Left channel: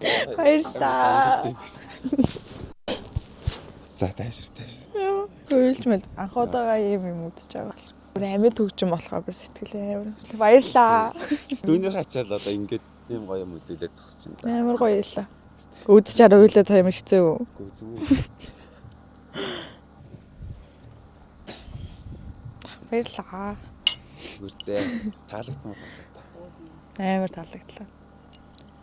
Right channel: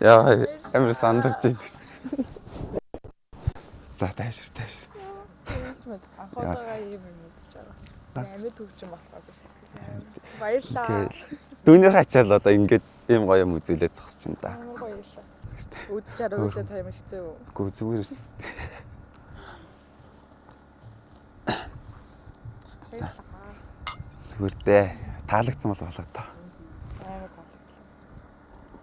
Яа, амар сандарч байна. За тааш. Үйлж мэд анх удаага юм үзэж байгаа. Амар төгжим болохоор би сэтгэлээ амар. Баярлаа. Дүүнэр хачаал одоо ингээд ийм гоё юм үзүүлээд зогсож байна да. Амар гоё ялла. Үүдч чараа үйлээ та ямар хэцүү юу? Гүү зүгээр. Баярлаа. Зүгээр дээ. Таалагдсан бол болоо та. Амар таалагдлаа.